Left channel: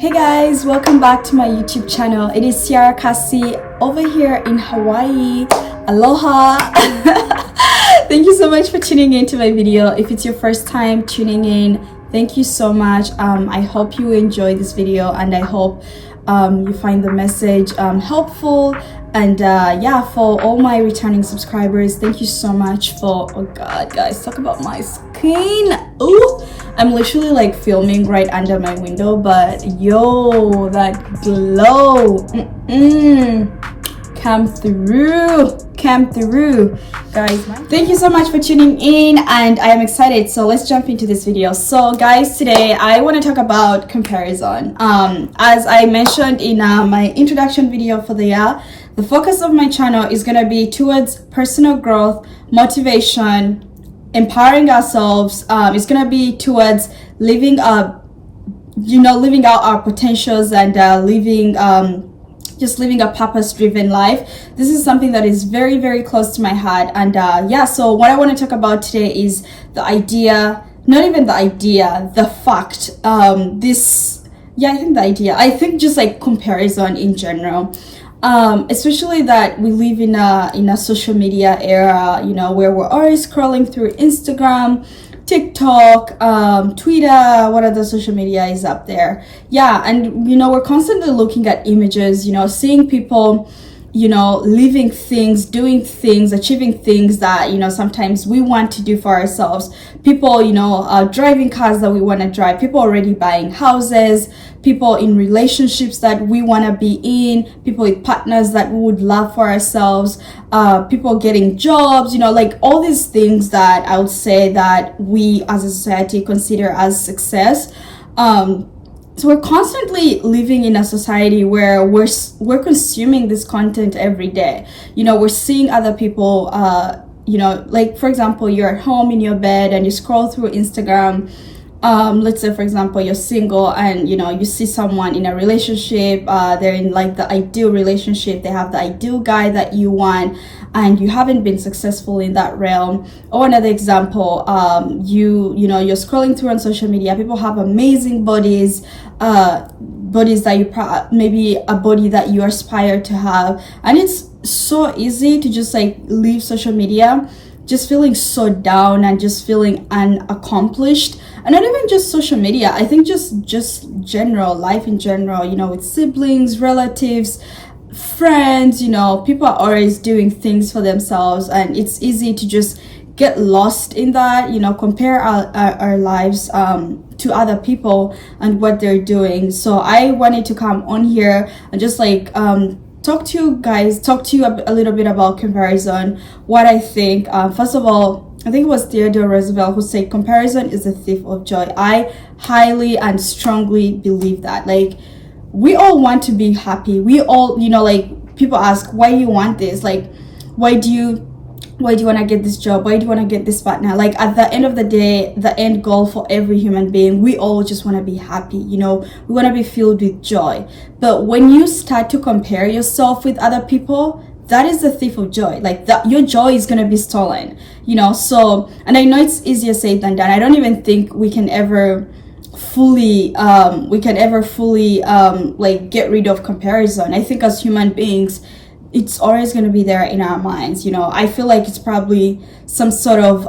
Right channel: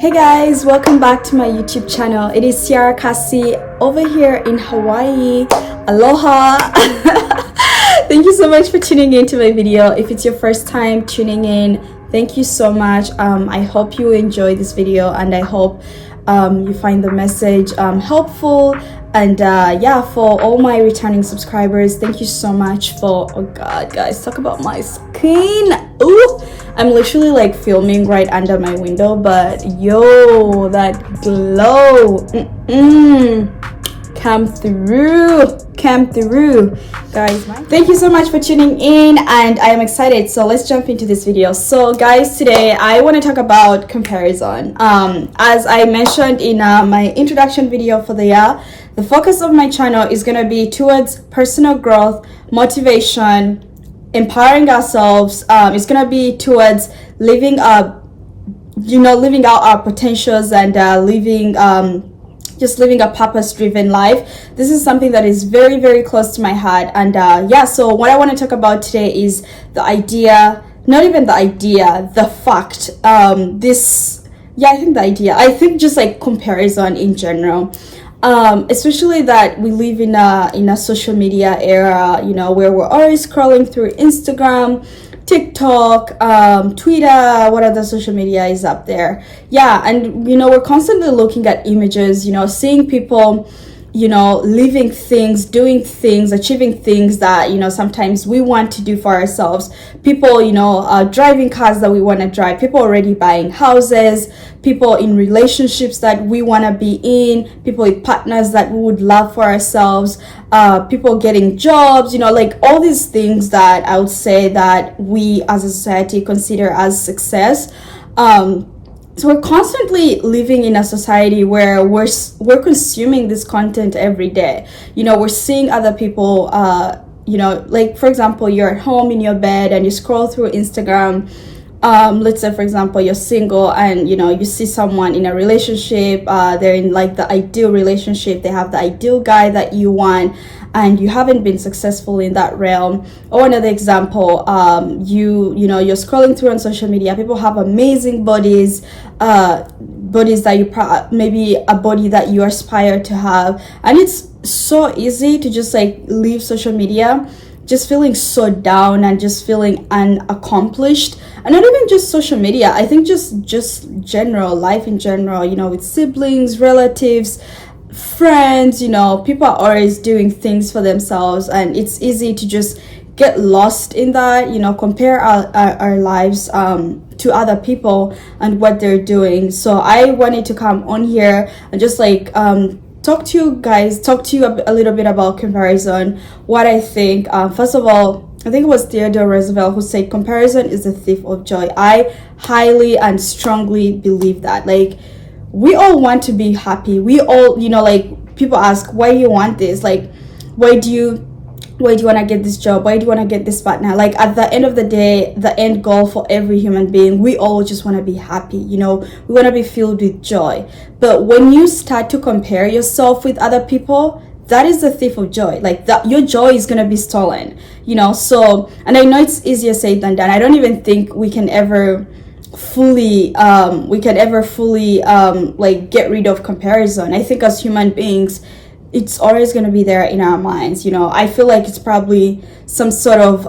Hey guys, welcome back to my YouTube channel. It is Ciara Kasi over here in Hawaii. Aloha. Thank you so much for tuning in to my video. If it's your first time tuning in, thank you so much. I hope you enjoy this video and I hope you find the message helpful. And yeah, for all my returning subscribers, thank you so much for, oh god guys, talk about my skin. Ooh, I'm literally like filming right under my window, but yo, that glow, come through guys. Thank you so much for tuning in and I am excited, so let's jump into this video. So guys, today I want to talk about comparison. As I mentioned in my introduction video for the year, the focus of my channel is going to be towards personal growth, motivation, empowering ourselves. It's going to be towards living out our potentials and just living a purpose-driven life. This is something that is very, very close to my heart. And yeah, so what I want to talk about today is the idea, not even the idea, the fact. I think just like comparison in general. Especially that we live in a social media era, where we're always scrolling through Instagram, TikTok, Twitter, what other social media is up there. Yeah, and we're constantly looking at images, seeing people, living things, doing things, achieving things that sometimes we want to do for ourselves. People driving cars that we want to drive, people already buying houses, people in relationships that we want to be in, people with partners that we would love for ourselves, people getting jobs, like all these things that I would say that we as a society consider as success. So we're constantly living in a society where we're consuming this content every day. We're seeing other people, like for example, you're at home in your bed and you scroll through Instagram. Let's say for example you're single and you see someone in a relationship, they're in like the ideal relationship, they have the ideal guy that you want and you haven't been successful in that realm. Or another example, you're scrolling through on social media, people have amazing bodies that you maybe a body that you aspire to have, and it's so easy to just like leave social media just feeling so down and just feeling unaccomplished. And not even just social media, I think just general life in general, with siblings, relatives, friends, people are always doing things for themselves and it's easy to just get lost in that, compare our lives to other people and what they're doing. So I wanted to come on here and just like talk to you a little bit about comparison, what I think. First of all, I think it was Theodore Roosevelt who said comparison is a thief of joy. I highly and strongly believe that. Like, we all want to be happy. We all, like people ask, why do you want this? Like, why do you want to get this job? Why do you want to get this partner? Like, at the end of the day, the end goal for every human being, we all just want to be happy. We want to be filled with joy. But when you start to compare yourself with other people, that is the thief of joy. Like, that your joy is going to be stolen, so, and I know it's easier said than done. I don't even think we can ever fully like get rid of comparison. I think as human beings, it's always going to be there in our minds. I feel like it's probably some sort of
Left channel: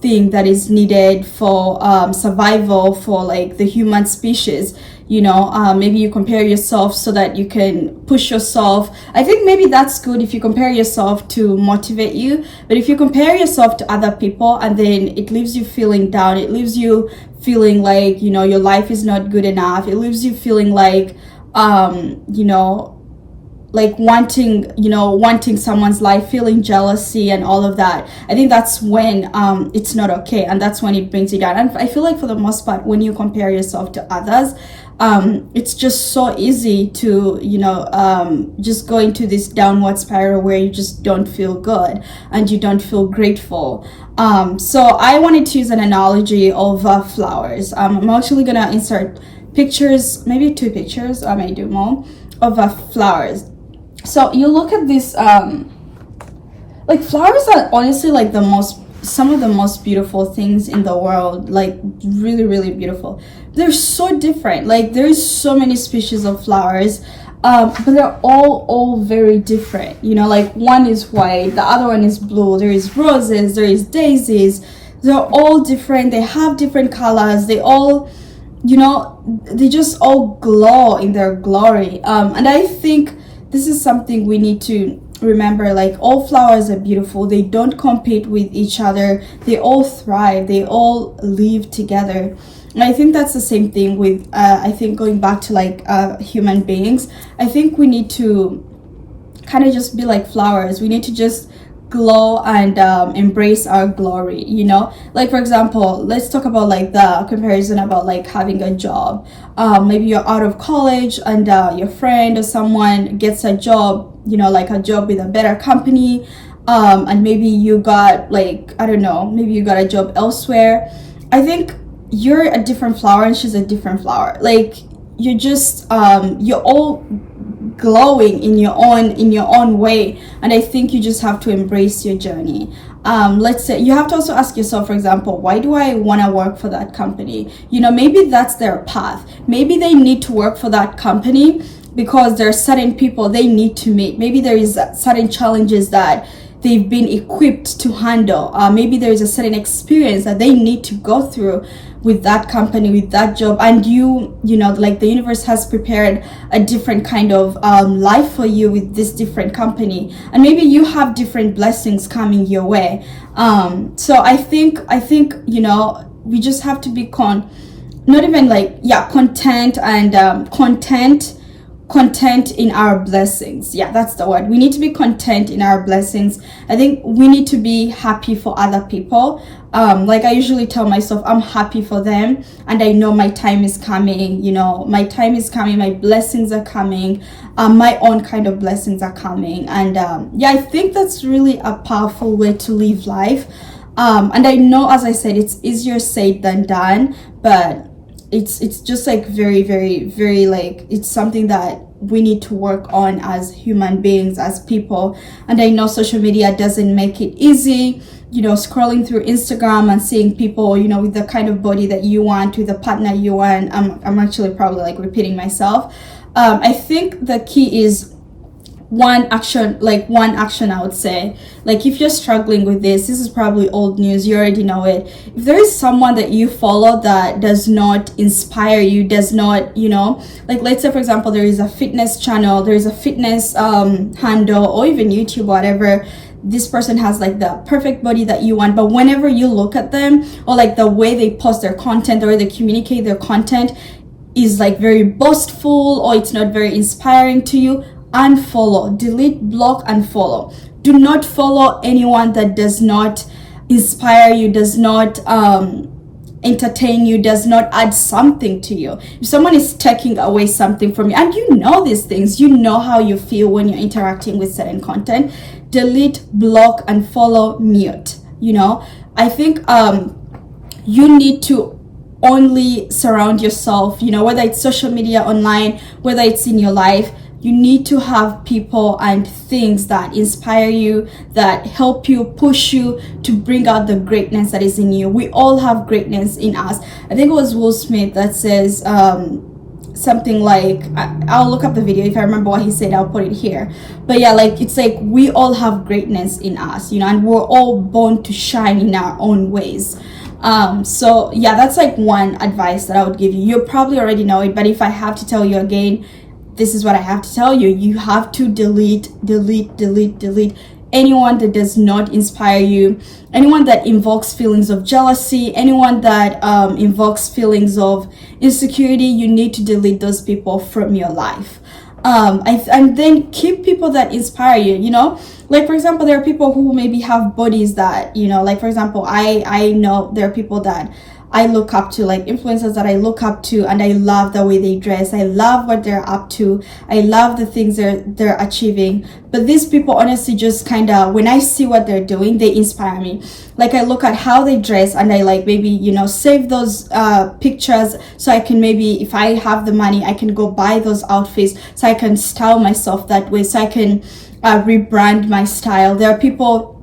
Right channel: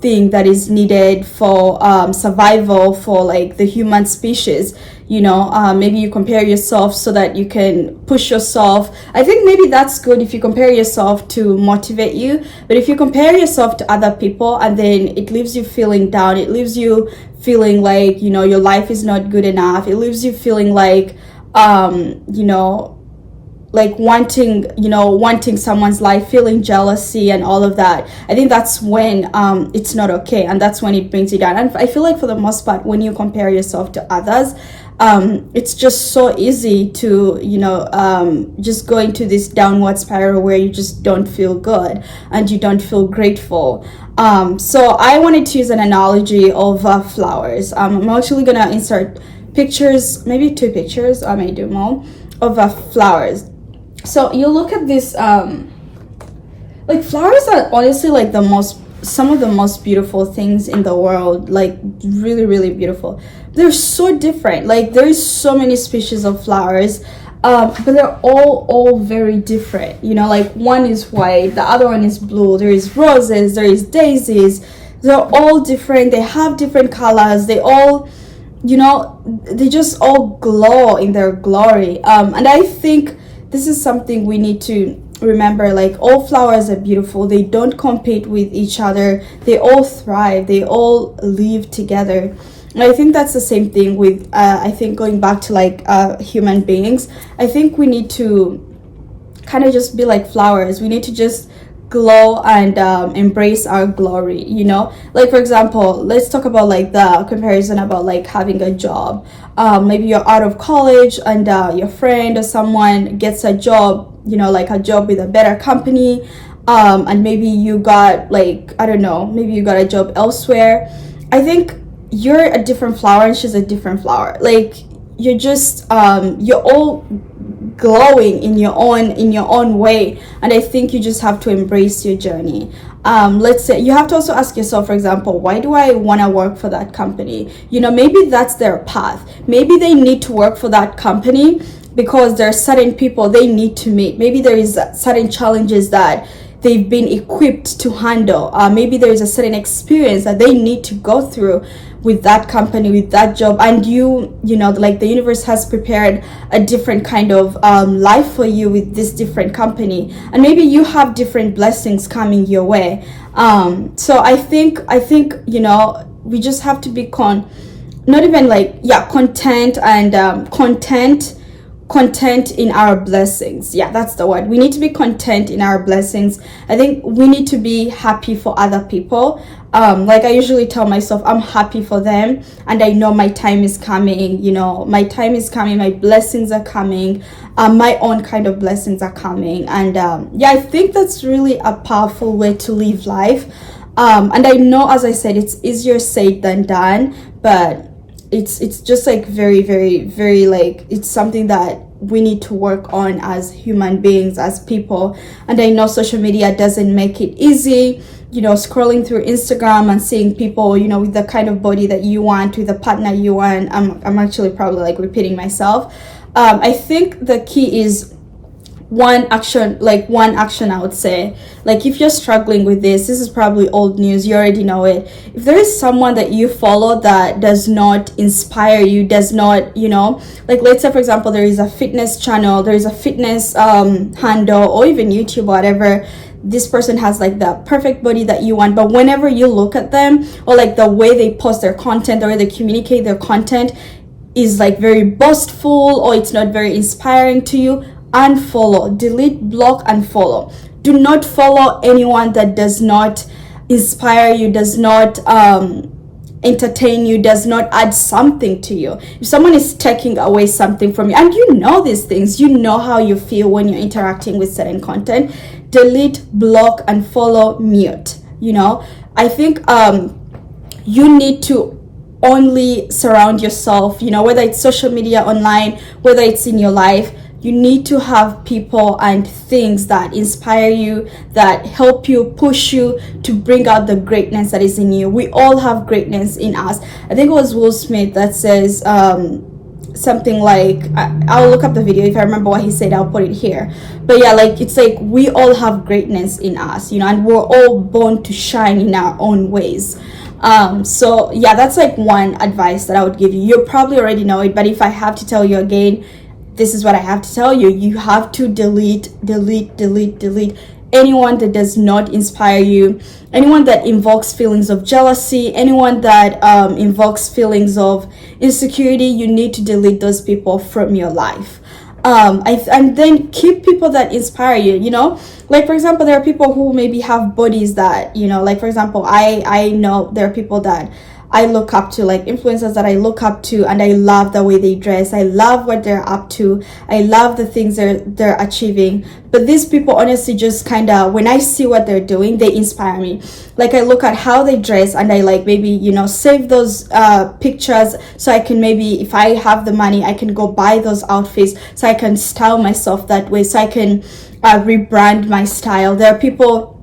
thing that is needed for survival for like the human species. Maybe you compare yourself so that you can push yourself. I think maybe that's good if you compare yourself to motivate you, but if you compare yourself to other people and then it leaves you feeling down, it leaves you feeling like your life is not good enough, it leaves you feeling like like wanting someone's life, feeling jealousy and all of that. I think that's when it's not okay, and that's when it brings you down. And I feel like for the most part, when you compare yourself to others, it's just so easy to just go into this downward spiral where you just don't feel good and you don't feel grateful. So I wanted to use an analogy of flowers. I'm actually gonna insert pictures, maybe 2 pictures, I may do more, of flowers. So you look at this, like flowers are honestly like the most some of the most beautiful things in the world, like really, really beautiful. They're so different. Like there is so many species of flowers, but they're all very different. You know, like one is white, the other one is blue. There is roses, there is daisies. They're all different. They have different colors. They all, you know, they just all glow in their glory. And I think this is something we need to remember. Like all flowers are beautiful. They don't compete with each other. They all thrive. They all live together. And I think that's the same thing with, I think going back to like human beings, I think we need to kind of just be like flowers. We need to just glow and embrace our glory, you know. Like for example, let's talk about like the comparison about like having a job. Maybe you're out of college and your friend or someone gets a job, you know, like a job with a better company, and maybe you got like, I don't know, maybe you got a job elsewhere. I think you're a different flower and she's a different flower. Like you're just you're all glowing in your own way, and I think you just have to embrace your journey. Let's say you have to also ask yourself, for example, why do I want to work for that company? You know, maybe that's their path. Maybe they need to work for that company because there are certain people they need to meet. Maybe there is certain challenges that they've been equipped to handle. Maybe there is a certain experience that they need to go through with that company, with that job, and you know, like the universe has prepared a different kind of life for you with this different company, and maybe you have different blessings coming your way. So I think you know, we just have to be not even like, yeah, content and content in our blessings. Yeah, that's the word. We need to be content in our blessings. I think we need to be happy for other people. Like I usually tell myself, I'm happy for them and I know my time is coming. You know, my time is coming, my blessings are coming, my own kind of blessings are coming. And yeah, I think that's really a powerful way to live life. And I know, as I said, it's easier said than done, but it's just like very, very, very, like, it's something that we need to work on as human beings, as people. And I know social media doesn't make it easy, you know, scrolling through Instagram and seeing people, you know, with the kind of body that you want, with the partner you want. I'm actually probably like repeating myself. I think the key is one action I would say. Like if you're struggling with this is probably old news, you already know it. If there is someone that you follow that does not inspire you, does not, you know, like let's say for example there is a fitness channel, there is a fitness handle, or even YouTube, whatever, this person has like the perfect body that you want, but whenever you look at them, or like the way they post their content, the way they communicate their content is like very boastful, or it's not very inspiring to you, unfollow, delete, block, and follow. Do not follow anyone that does not inspire you, does not entertain you, does not add something to you. If someone is taking away something from you, and you know these things, you know how you feel when you're interacting with certain content, delete, block, and follow, mute. You know, I think you need to only surround yourself, you know, whether it's social media, online, whether it's in your life, you need to have people and things that inspire you, that help you, push you to bring out the greatness that is in you. We all have greatness in us. I think it was Will Smith that says something like, I'll look up the video. If I remember what he said, I'll put it here. But yeah, like it's like we all have greatness in us, you know, and we're all born to shine in our own ways. So yeah, that's like one advice that I would give you. You probably already know it, but if I have to tell you again, this is what I have to tell you. You have to delete anyone that does not inspire you, anyone that invokes feelings of jealousy, anyone that invokes feelings of insecurity. You need to delete those people from your life. And then keep people that inspire you, you know, like for example, there are people who maybe have bodies that, you know, like for example, I know there are people that I look up to, like influencers that I look up to, and I love the way they dress. I love what they're up to. I love the things they're achieving. But these people honestly just kind of, when I see what they're doing, they inspire me. Like I look at how they dress and I like maybe, you know, save those pictures so I can maybe, if I have the money, I can go buy those outfits so I can style myself that way, so I can rebrand my style. There are people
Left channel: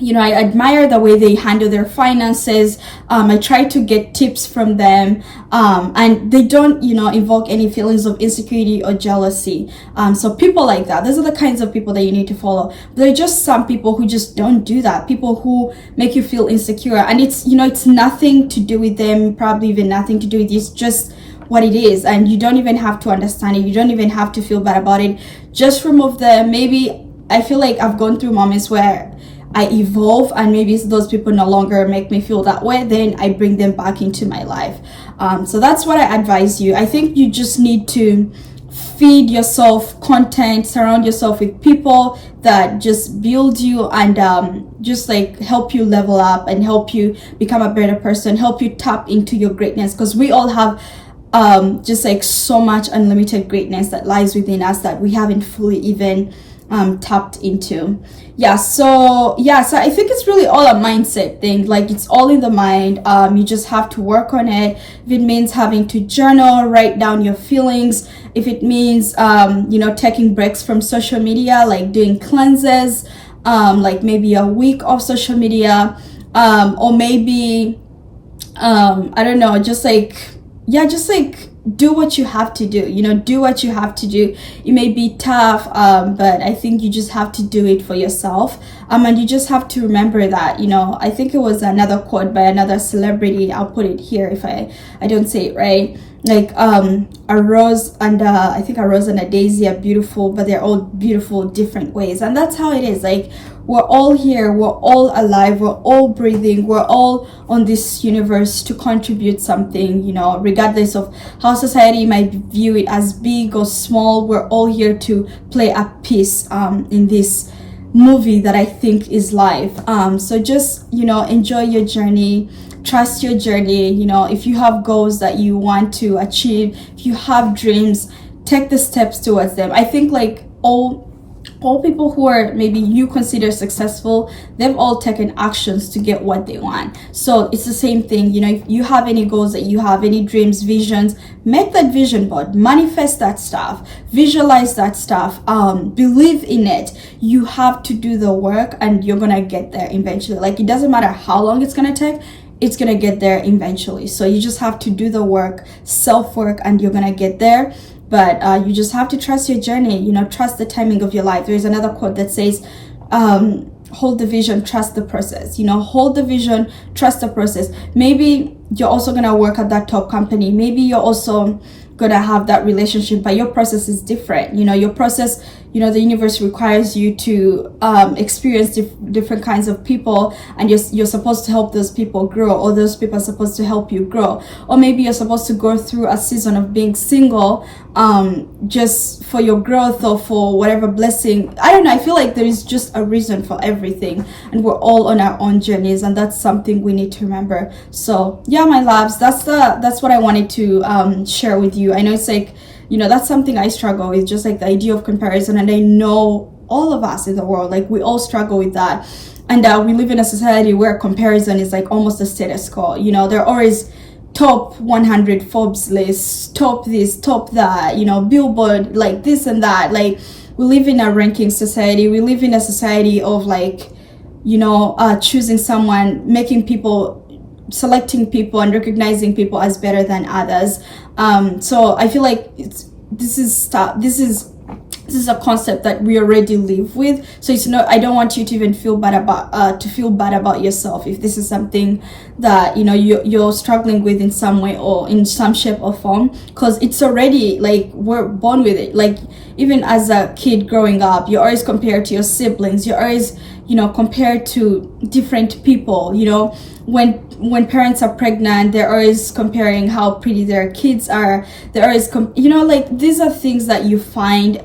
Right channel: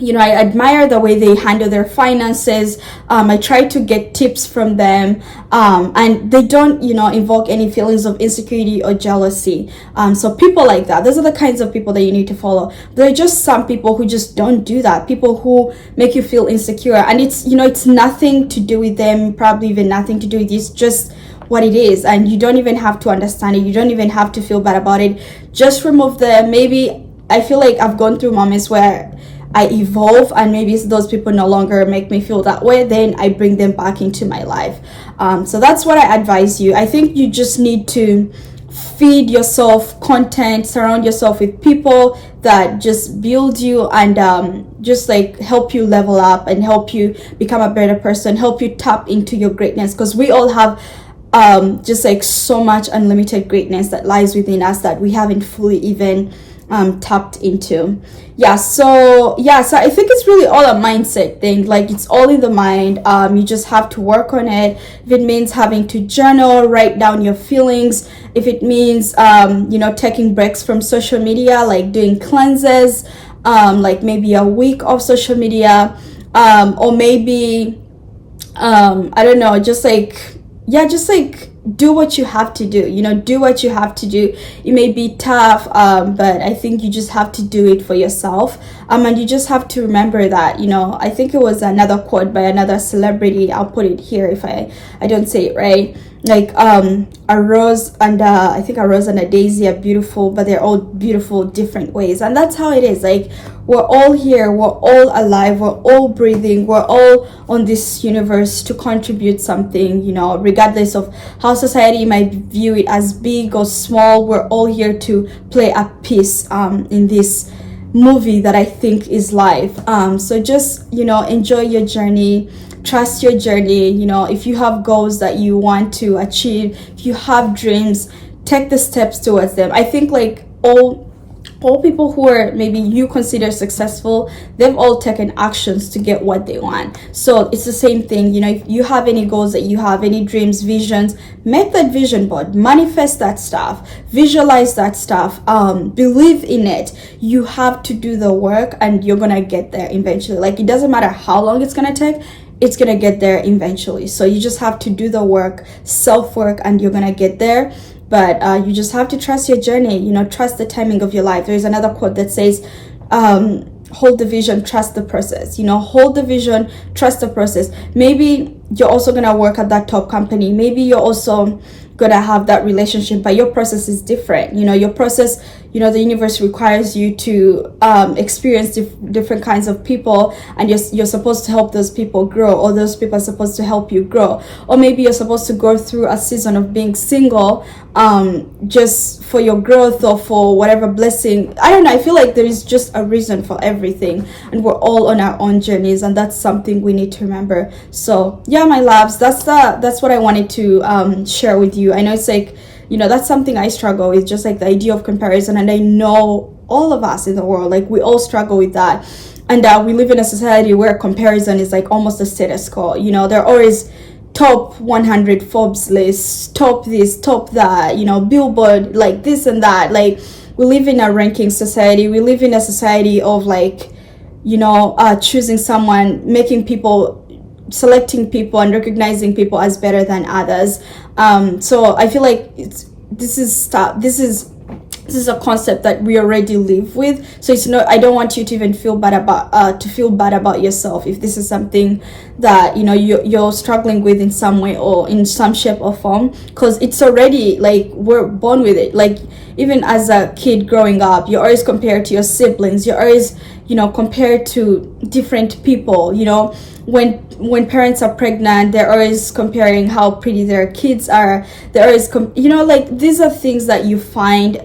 I admire the way they handle their finances. I try to get tips from them, and they don't, invoke any feelings of insecurity or jealousy. So people like that, those are the kinds of people that you need to follow. There are just some people who just don't do that. People who make you feel insecure, and it's nothing to do with them, probably even nothing to do with you. It's just what it is, and you don't even have to understand it. You don't even have to feel bad about it. Just remove them. Maybe I feel like I've gone through moments where I evolve, and maybe those people no longer make me feel that way, then I bring them back into my life. So that's what I advise you. I think you just need to feed yourself content, surround yourself with people that just build you and just like help you level up and help you become a better person, help you tap into your greatness, because we all have just like so much unlimited greatness that lies within us that we haven't fully even tapped into. So I think it's really all a mindset thing. Like, it's all in the mind. You just have to work on it. If it means having to journal, write down your feelings, if it means taking breaks from social media, like doing cleanses, like maybe a week of social media, or maybe I don't know, just like do what you have to do. Do what you have to do. It may be tough, but I think you just have to do it for yourself. And you just have to remember that, I think it was another quote by another celebrity. I'll put it here if I don't say it right. Like, a rose and I think a rose and a daisy are beautiful, but they're all beautiful different ways. And that's how it is. Like, we're all here, we're all alive, we're all breathing, we're all on this universe to contribute something, regardless of how society might view it as big or small. We're all here to play a piece in this movie that I think is life. So just, enjoy your journey. Trust your journey. If you have goals that you want to achieve, if you have dreams, take the steps towards them. I think like all people who are maybe you consider successful, they've all taken actions to get what they want. So it's the same thing. If you have any goals that you have, any dreams, visions, make that vision board, manifest that stuff, visualize that stuff, believe in it. You have to do the work, and you're gonna get there eventually. Like, it doesn't matter how long it's gonna take, it's gonna get there eventually. So you just have to do the work, self-work, and you're gonna get there. But you just have to trust your journey, trust the timing of your life. There's another quote that says, hold the vision, trust the process. Hold the vision, trust the process. Maybe you're also gonna work at that top company. Maybe you're also gonna have that relationship, but your process is different. Your process, the universe requires you to experience different kinds of people, and you're supposed to help those people grow, or those people are supposed to help you grow. Or maybe you're supposed to go through a season of being single, just for your growth or for whatever blessing. I don't know, I feel like there is just a reason for everything, and we're all on our own journeys, and that's something we need to remember. So yeah, my loves, that's what I wanted to share with you. I know it's like, that's something I struggle with, just like the idea of comparison. And I know all of us in the world, like, we all struggle with that. And we live in a society where comparison is like almost a status quo. There are always top 100 Forbes lists, top this, top that, Billboard, like this and that. Like, we live in a ranking society. We live in a society of like, choosing someone, making people, selecting people and recognizing people as better than others. So I feel like this is a concept that we already live with. So it's not, I don't want you to even feel bad about yourself if this is something that you're struggling with in some way or in some shape or form, because it's already like, we're born with it. Like, even as a kid growing up, you're always compared to your siblings, you're always compared to different people. When parents are pregnant, they're always comparing how pretty their kids are. They're always like, these are things that you find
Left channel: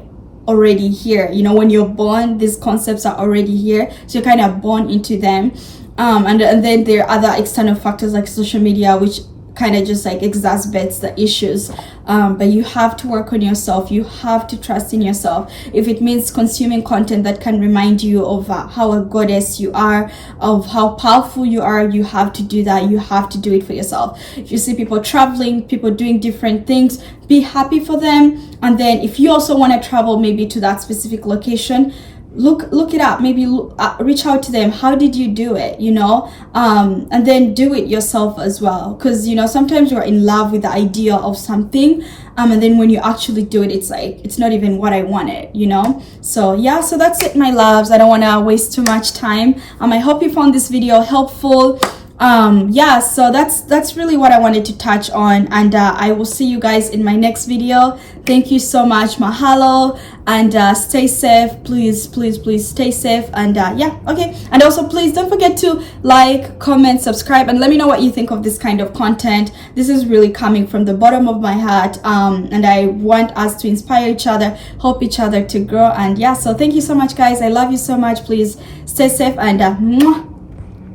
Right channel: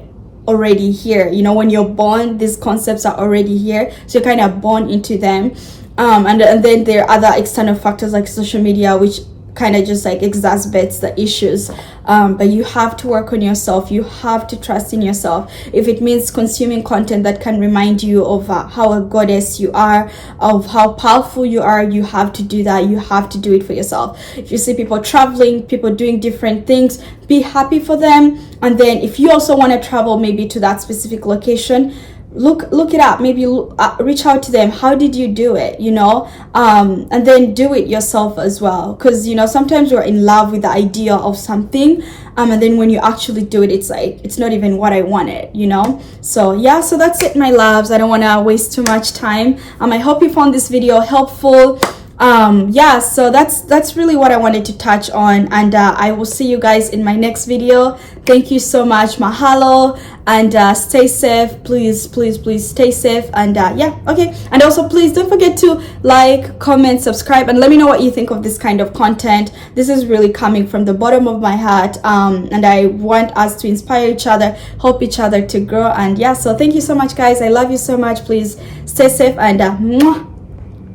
already here. When you're born, these concepts are already here, so you're kind of born into them. And then there are other external factors like social media, which kind of just like exacerbates the issues. But you have to work on yourself. You have to trust in yourself. If it means consuming content that can remind you of how a goddess you are, of how powerful you are, you have to do that. You have to do it for yourself. If you see people traveling, people doing different things, be happy for them. And then if you also want to travel maybe to that specific location, look it up, maybe reach out to them. How did you do it, you know? And then do it yourself as well, because you know, sometimes we're in love with the idea of something, and then when you actually do it, it's like it's not even what I wanted, you know? So yeah, so that's it, my loves. I don't want to waste too much time. I hope you found this video helpful. Yeah, so that's really what I wanted to touch on, and I will see you guys in my next video. Thank you so much. Mahalo, and stay safe. Please stay safe, and yeah, okay. And also, please don't forget to like, comment, subscribe, and let me know what you think of this kind of content. This is really coming from the bottom of my heart, and I want us to inspire each other, help each other to grow. And yeah, so thank you so much, guys. I love you so much. Please stay safe, and mwah.